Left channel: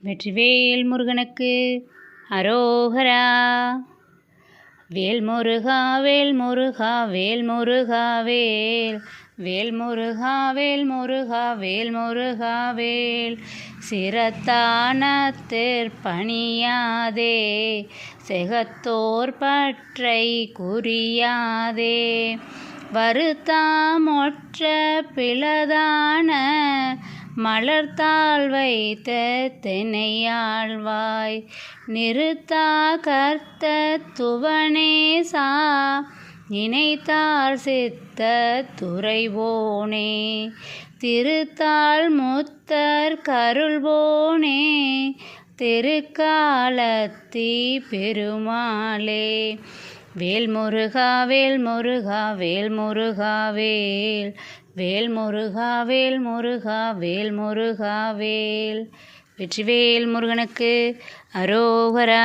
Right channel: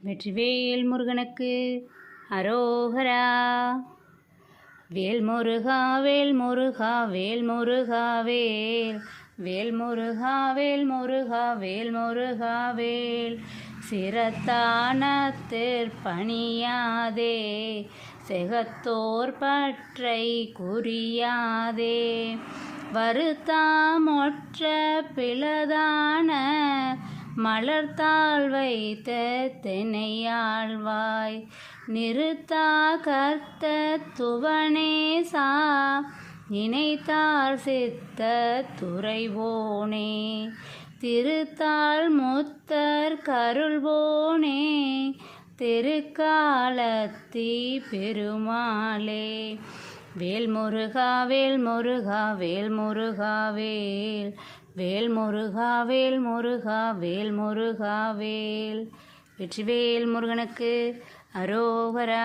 வெற்றிவேல் முருகனுக்கு அரோகரா. வேல் முருகா வேல் முருகா வேல் முருகா வேல், வேல் முருகா வேல் முருகா வேல் முருகா வேல். சிரத்தானத்திற் பணியாதே, செகத்தோர் பற்றை குறியாதே. வருத்தாமொற்ற பிளதான மலர்த்தாள் வைத்த தெனையாழ்வாய். நிறுத்தா கர்த்த துவனேசா, நினைத்தார் சித்த துறைவோனே. திருத்தாள் முத்தர் கருள்வோனே, திருக்காலத்தி பெருமாளே. வேல் முருகா வேல் முருகா வேல் முருகா வேல், வேல் முருகா வேல் முருகா வேல் முருகா வேல். வெற்றிவேல் முருகனுக்கு அரோகரா.